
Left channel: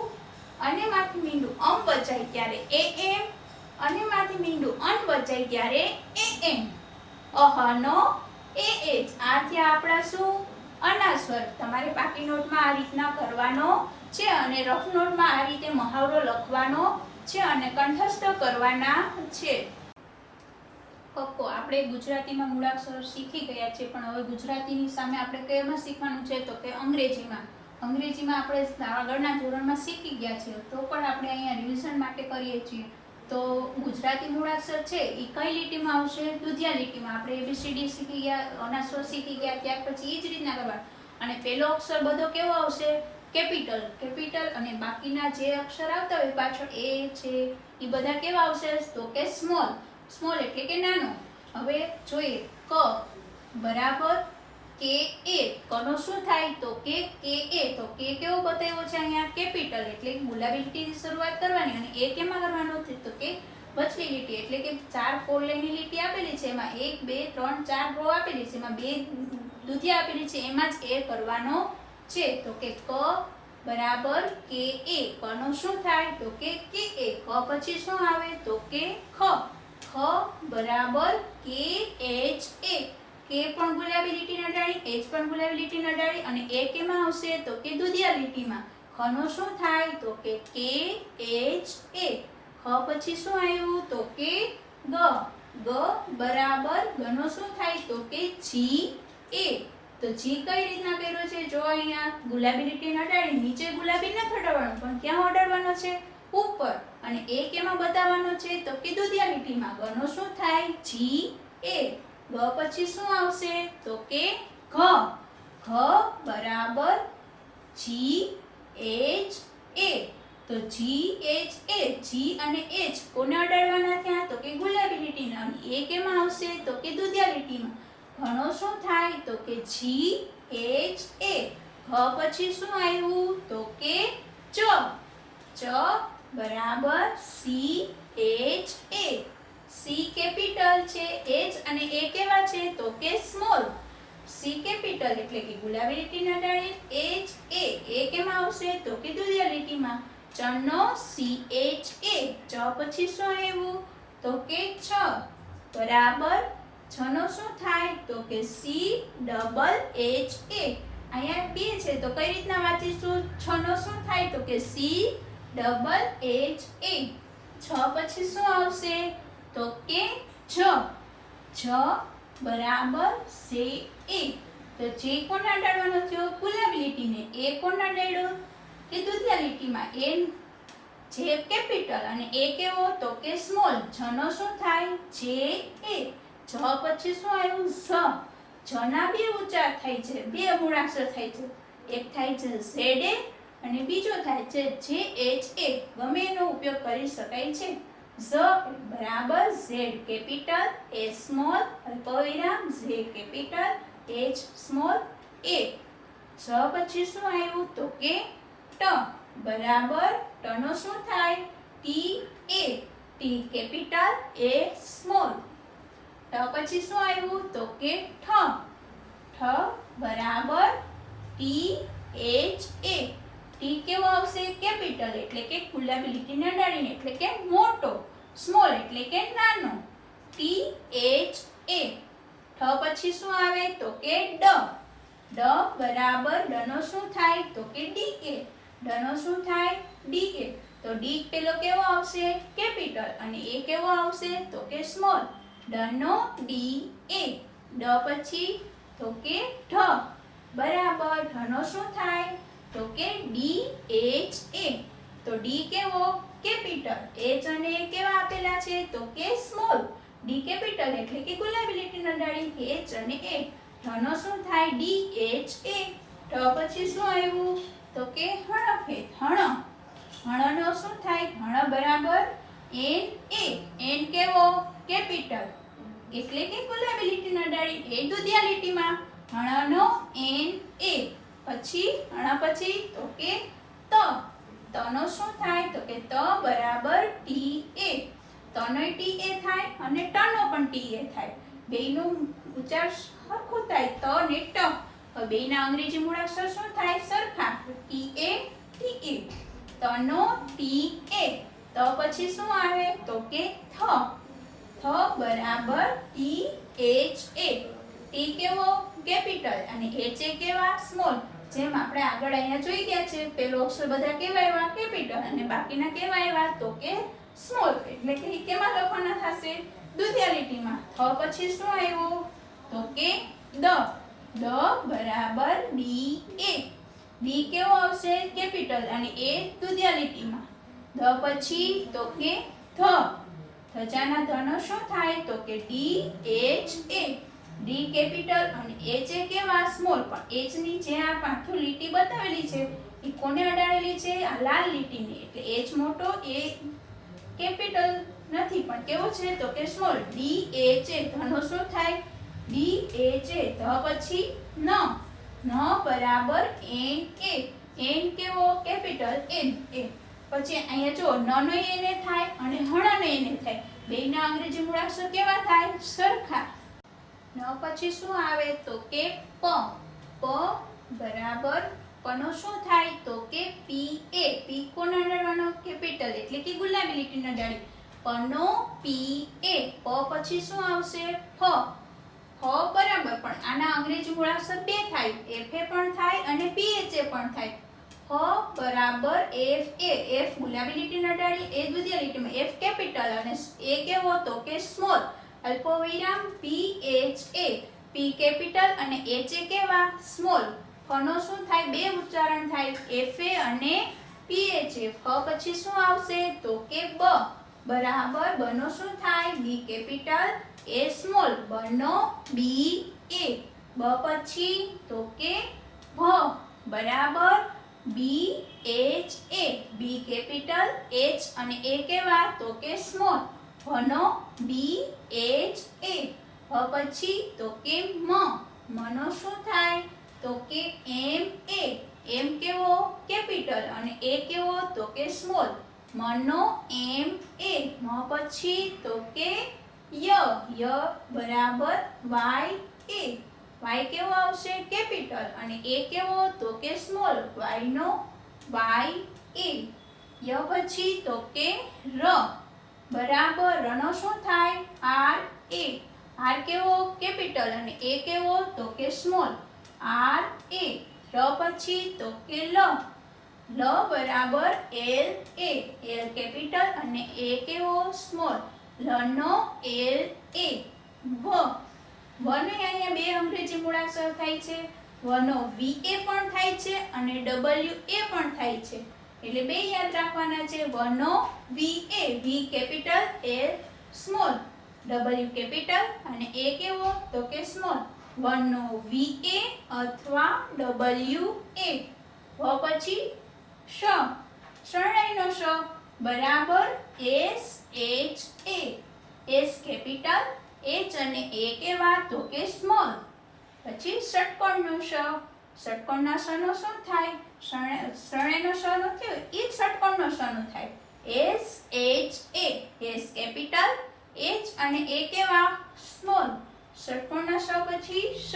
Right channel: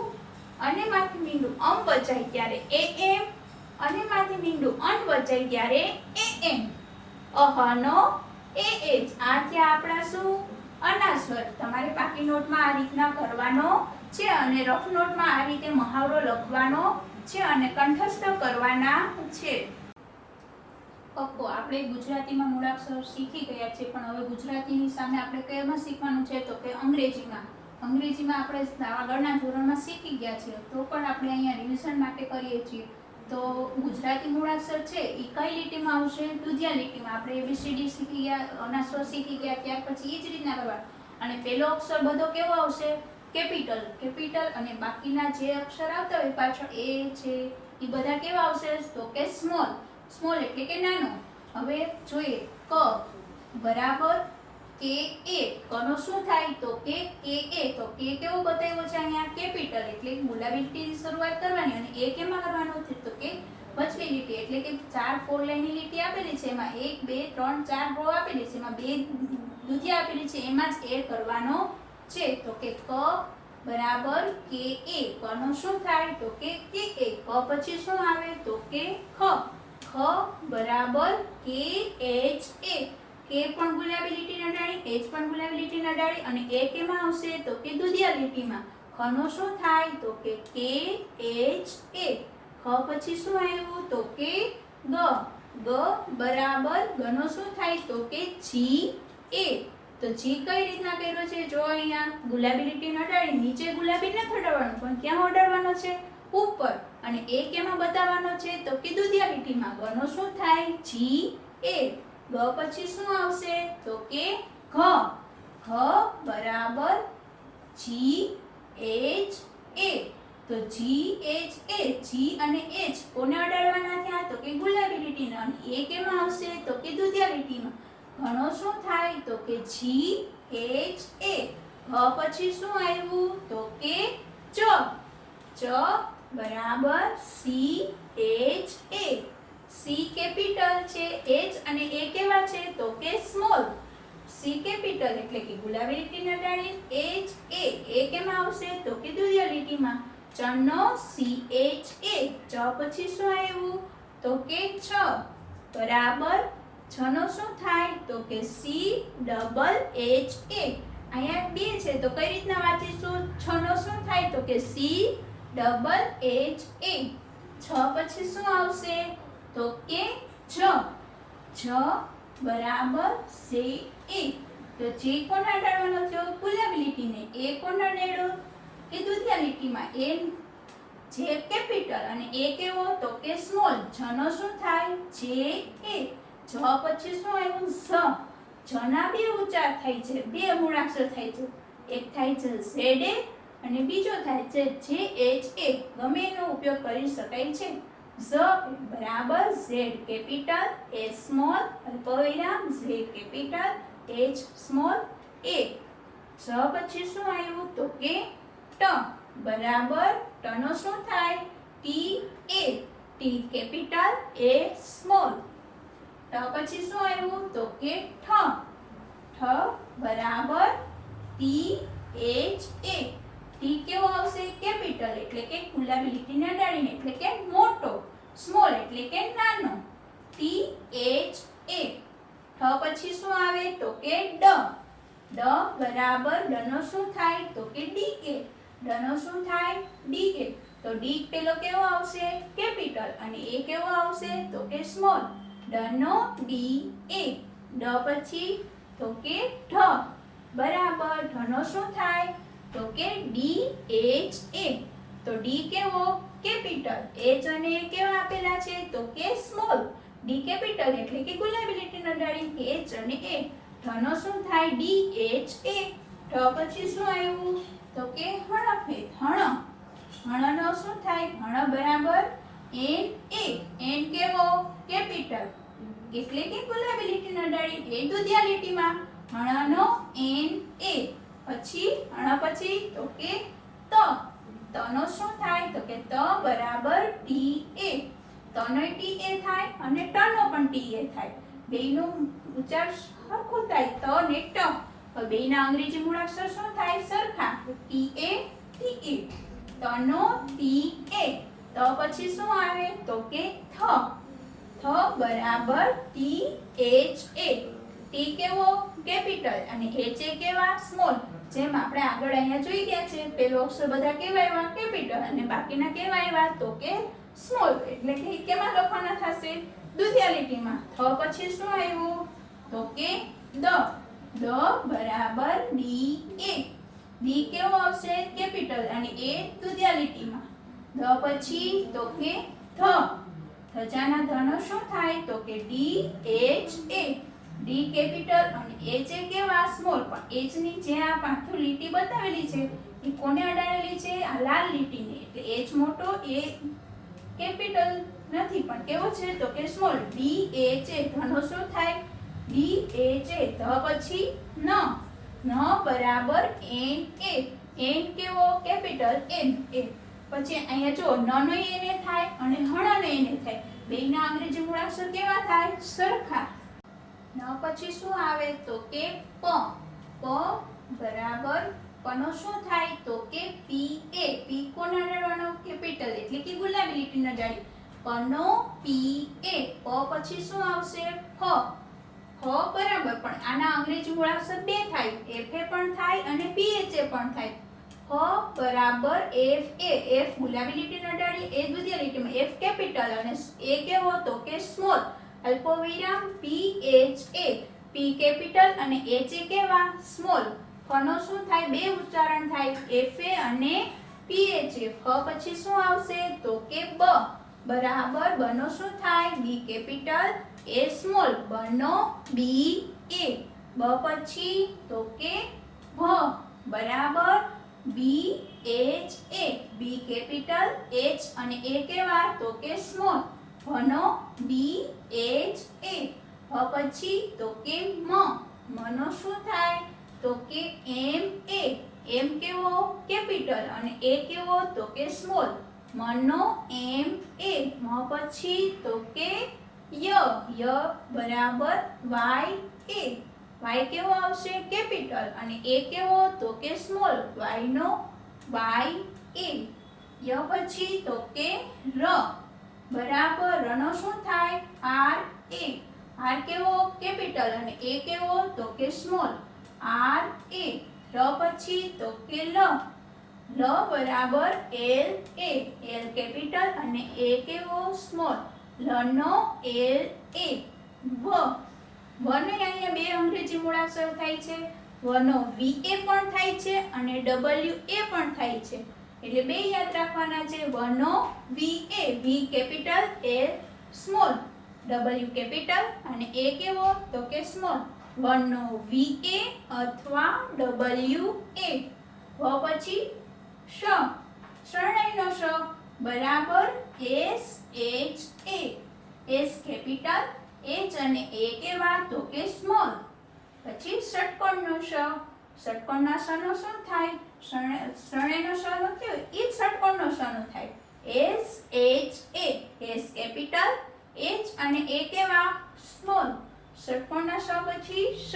અને માથે મીંડું અમ વચાય ત્યારે એ એમ. અને માથે મીંડું અન વચાય ત્યારે એ એમ. અહ નો એ એજ. આ થયા આપણા શું અના સ્વર. તમારે પાકી નોટમાં આ રીતના કરવાનો છે અને રફ નોટમાં આ રીતે મહાવરો લખવાનો છે અને કંઠસ્થ કરવાના છે. કક્કો આપણે ગુજરાતીમાં મૂળાક્ષર શીખી ગયા છે, પણ હવે ગુજરાતીની સામે આપણે કયામાં શીખવાનું છે તો કે અંગ્રેજીમાં. અંગ્રેજીમાં આપણે આગળના ધોરણમાં શીખી ગયા છે, તો પણ આપણે અહીંયા રિવિઝન માટે કરીએ છીએ. તો ગુજરાતી મૂળાક્ષર છે એ કઈ લીટીમાં આવશે? દુધિયા લીટીમાં. આપણે ABCD શીખી ગયા, અનાસ્વર શીખી ગયા, ત્યાર પછી એ જ રીતના કરવાનું. અને પહેલો અક્ષર બધો કેવો આવશે? કેપિટલ. અને બાકીના જે અક્ષર આવતા હોય પાછળ એ છે એ બધા કેવા આવશે? તો કે સ્મોલ એટલે કે નાનો. હવે જોઈએ ક બરાબર કે એ. કનો શું થાય? તો કે એ. તો કે કેવો બતાવ્યો છે અહીંયા? કેપિટલ એટલે ગુલાબી લીટીની શરૂઆત કરવાની. અને એ કેમાં કરવાનો છે? તો કે વચલી લીટી એટલે કે 4 4 લાઈનની લીટી આપેલી છે, એમાં 1 2 3 4 રો આપેલી છે, એમાં 2 દુધિયા આપેલી છે, એમાં જ એ કરવાનો છે. તો કે ક બરાબર કે એ. કનો શું થાય? તો કે એ. ક પછી શું આવે? તો કે ખ બરાબર કે એચ એ. કે પણ ગુલાબી લીટીના ડાળી, એચ પણ ગુલાબી લીટીના ડાળી, અને એ કેમાં આવશે? તો કે દુધિયા લીટીમાં. ખનો શું થાય? તો કે એચ એ. ખ પછી શું આવ્યું? તો કે ગ બરાબર ગનો શું થાય? તો કે જી એ. તો જી કઈ રીતના કર્યો છે? જો અહીંયા ગુલાબી લીટીના ડાળી, નીચે ગુલાબી નથી અડાડવાનું, પણ ક્યાં અડાડવાનો છે? ઉપર. અને એ કેમાં બતાવવાનો છે? તો કે દુધિયા લીટીમાં. ગનો શું થાય? જી એ. ગ પછી શું આવશે? તો કે ઘ બરાબર જી એચ એ. તો જી એચ એ. જી અને એચ કોને અડાડવાના થયા? તો કે ગુલાબી લીટીના. અને એ કેમાં આવશે? તો કે દુધિયા લીટીમાં. ઘણો શું થાય? તો કે જી એચ એ. ઘ પછી શું આવ્યું? તો કે ચ બરાબર સી એચ એ. સી કેપિટલ છે, એચ અને એ કેવા છે? તો કે સ્મોલ. સી કેપિટલ એટલે કે ગુલાબી લીટીના ડાળી, એચ એ કેમાં આવશે? તો કે દુધિયા લીટીમાં. ચનો સી એચ એ. ચ પછી શું આવ્યું? તો કે છ બરાબર છનો શું થાય? તો કે સી ડબલ એચ એ. અહીંયા 2 છે તો કઈ રીતના વાંચીશું? છનો શું થાય? તો કે સી ડબલ એચ એ. છ પછી શું આવશે? તો કે છ બરાબર સે એ. તો જે કોને અડાડવાનો થયો? ગુલાબી લીટીને. એ કોને અડાડ્યો? કે દુધિયા લીટીમાં. એ જે કેપિટલ અને એ કેવો? તો કે સ્મોલ. છનો શું થાય? જે એ. જ પછી શું આવ્યું? જના 2 ઉચ્ચાર થાય છે, 2 મૂળાક્ષર થાય છે. એક થાય છે ઝેડ એ અને બીજો થાય છે જે એચ એ. ગમે એનો ઉપયોગ કરી શકાય છે. ઝ બરાબર ઝેડ કેપિટલ, એ સ્મોલ, અલ્પવિરામ ઝે કેપિટલ, એચ સ્મોલ, એ. ઝ પછી શું આવ્યું? તો કે ટ બરાબર ટનો શું થાય? T A. T capital, A small. ટ પછી શું આવ્યું? તો કે ઠ બરાબર ટી એચ એ. ટી કેવો આવશે? કેપિટલ એટલે કે ગુલાબી લીટીના ડાળીને એટલે કે મોટો. સ્મોલ એટલે કે નાનો. ટી એચ એ. ઠ પછી શું આવે? તો કે ડ બરાબર ડનો શું થાય? તો કે ડી એ. ડનો શું થાય? ડી એ. તો ડી પેલો કેવો આવશે? કેપિટલ અને એ કેવો આવશે? તો કે સ્મોલ. ડનો ડી એ. ડ પછી તો કે ઢ બરાબર ઢનો શું થાય? તો કે ડી એચ એ. તો ડી કેવો? કેપિટલ. એચ અને એ કેવા આપેલા છે? તો કે સ્મોલ. ડી કેપિટલ એટલે કે ગુલાબી લીટીના ડાળી, એચ અને એ. ઢનો શું થાય? ડી એચ એ. ઢ પછી શું આવ્યું? તો કે હણફેદ. હણનો શું થાય? હણ બરાબર એન એ. એન કેવો? કેપિટલ એટલે કે ગુલાબી લીટીના ડાળી, એ દુધિયા લીટીમાં. હણનો એન એ. પછી હણ પછી તો કે તનો શું થાય? તો કે ત બરાબર ટી એ. તનો ટી એ થાય અને ટનો પણ ટી એ થાય. બેયનું ઉચ્ચાર સરખું થાય, ત ને ટ. હવે બેયના અંગ્રેજી મૂળાક્ષર શું થાય? સરખા. T A T A. તનો ટી એ. ત પછી શું આવે? તો કે થ બરાબર ટી એચ એ. ટી કેવો? કેપિટલ અને એચ એ કેવા? સ્મોલ. જેમ આપણે આગળ અહીંયા જોઈ ગયા છે, પેલો અક્ષર બધા કેવા આવ્યા? કેપિટલ અને બાકીના કેવા આવ્યા? તો કે સ્મોલ. એટલે કે કેમાં લખવાના થશે? દુધિયા લીટીમાં. થ પછી શું આવ્યું તો કે દ. દ બરાબર ડી એ. ડી કેવો આવશે કેપિટલ અને એ દુધિયા લીટીમાં. દ પછી તો કે ધ. ધજાના ધનો શું થાય તો કે ડી એચ એ. ડી કેપિટલ અને એચ એ કેવા સ્મોલ. પણ એચ ની જે આ પાછું લીટી બતાવેલી છે એ કોને અડાડેલી છે આ લાલ લીટીને. એટલે એચ મોટો એ કેપિટલ નથી પણ કેવો છે તો કે સ્મોલ. D H A. ધનો શું થાય ડી એચ એ. ધ પછી ન. ન બરાબર એન એ. એન કેવો કેપિટલ એન એ. પછી અહીંયા જો ન નો એને થાય અને હણ નો એને થાય. બેયના અંગ્રેજી મૂળાક્ષર કેવા થાય સરખા. ન પછી શું આવે તો કે પ. પ બરાબર પનો શું થાય તો કે પી એ. પી કોને અડાડવાનો કેપિટલ એટલે કે ગુલાબી લીટીને અડાડી. પનો પી એ. પ પછી શું આવશે ફ. ફ બરાબર પણ આના અંગ્રેજી મૂળાક્ષર બે થાય. એફ એ પણ થાય અને પી એચ એ પણ થાય. ફ બરાબર એફ એ. એફ ગુલાબી લીટીને અડાડી એ દુધિયા લીટીમાં. એફ કેપિટલ અને એ કેવો તો કે સ્મોલ. અલ્પવિરામ પી એચ એ. પી કેપિટલ અને એચ એ કેવા સ્મોલ. ફનો શું થાય બે ઉચ્ચારણ થાય એફ એ અને પી એચ એ. ફ પછી શું આવશે તો કે બ. બરાબર બનો શું થાય બી કેપિટલ એ સ્મોલ. બનો બી એ. બ પછી તો કે ભ. બરાબર B H A. B capital H અને એ કેવા તો કે સ્મોલ. ભનો બી એચ એ. ભ પછી તો કે મ. મનો શું થાય તો કે એમ એ. એમ કેવો કેપિટલ અને એ કેવો તો કે સ્મોલ. મનો એમ એ. મ પછી તો કે ય. ય બરાબર વાય એ. વાય કેવો આવશે કેપિટલ અને એ કેવો તો કે સ્મોલ. વાય નો વાય એ. ય પછી તો કે ર. બરાબર રનો શું થાય આર એ. આર કેવો કેપિટલ અને એ કેવો તો કે સ્મોલ. આર એ. ર પછી તો કે લ. લ બરાબર એલ એ. એલ કેપિટલ અને એ કેવો સ્મોલ. લ નો એલ એ. વ. વ ને અહીંયા બે અંગ્રેજી મૂળાક્ષર થાય છે. વ નો વી એ પણ થાય છે અને ડબલ્યુ એ પણ થાય છે. એટલે બે યાદ રાખવાના છે. વ નો V A. V capital A small. W capital અને એ કેવો તો કે સ્મોલ. વન નો વી એ અથવા ડબલ્યુ એ. વ પછી શ. શરણાઈનો શ. બરાબર એસ એચ એ. એસ કેપિટલ એચ અને એ કેવા તો કે સ્મોલ. પછી ષટકોણનો શ. ષટકોણના શ નો શું થાય શરણાઈનો શ નો થયો એ જ ષટકોણનો શ નો થાય. એસ એચ એ. એસ કેપિટલ એચ અને એ કેવા સ્મોલ. ષટકોણના શ પછી શ.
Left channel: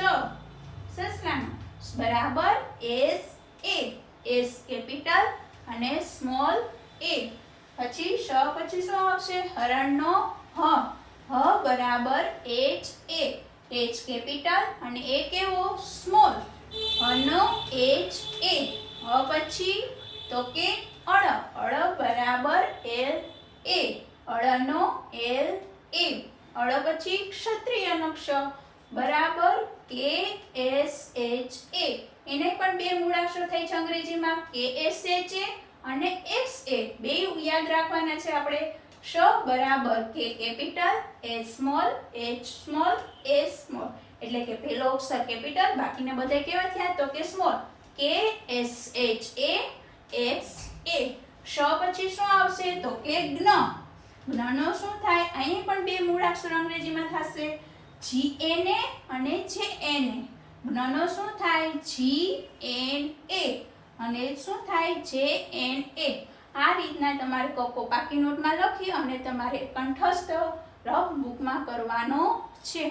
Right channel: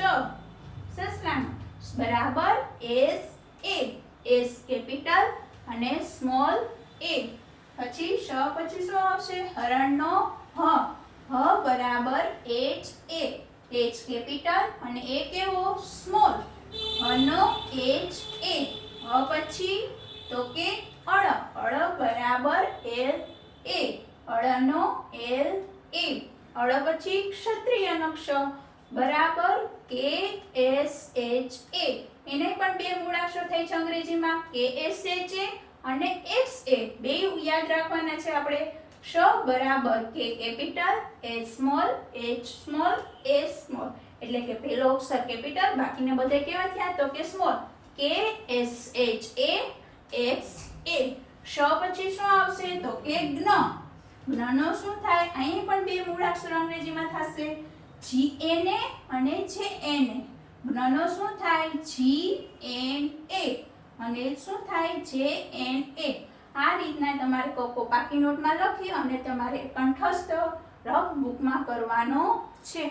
સસલાનો બરાબર એસ એ. એસ કેપિટલ અને સ્મોલ એ. પછી શ પછી શું આવશે હરણનો હ. હ બરાબર એચ એ. એચ કેપિટલ અને એ કેવો સ્મોલ. હ નો એચ એ. હ પછી તો કે અળ. અળ બરાબર એલ એ. અળનો એલ એ. અળ પછી ક્ષત્રિયનો ક્ષ. બરાબર કે એસ એચ એ. એને પણ બે મૂળાક્ષર થાય છે અંગ્રેજીમાં કે એસ એચ એ અને એક્સ એ. બે યાદ રાખવાના છે આપણે. ક્ષ બરાબર કે capital A small H small A small. એટલે કે પહેલો અક્ષર કેપિટલ બાકીના બધા કેવા થયા તો કે સ્મોલ. કે એસ એચ એ એક્સ એ. ક્ષ પછી શું આવશે તો કે જ્ઞ. જ્ઞનો શું થાય અહીં પણ બે મૂળાક્ષર અંગ્રેજીમાં થશે જી એન એ અને જે એન એ. જ્ઞનો શું થાય જી એન એ અને શું થાય જે એન એ. આ રીતના તમારે પાકી નોટમાં લખી અને તમારે કંઠસ્થ રફ બુકમાં કરવાનો છે.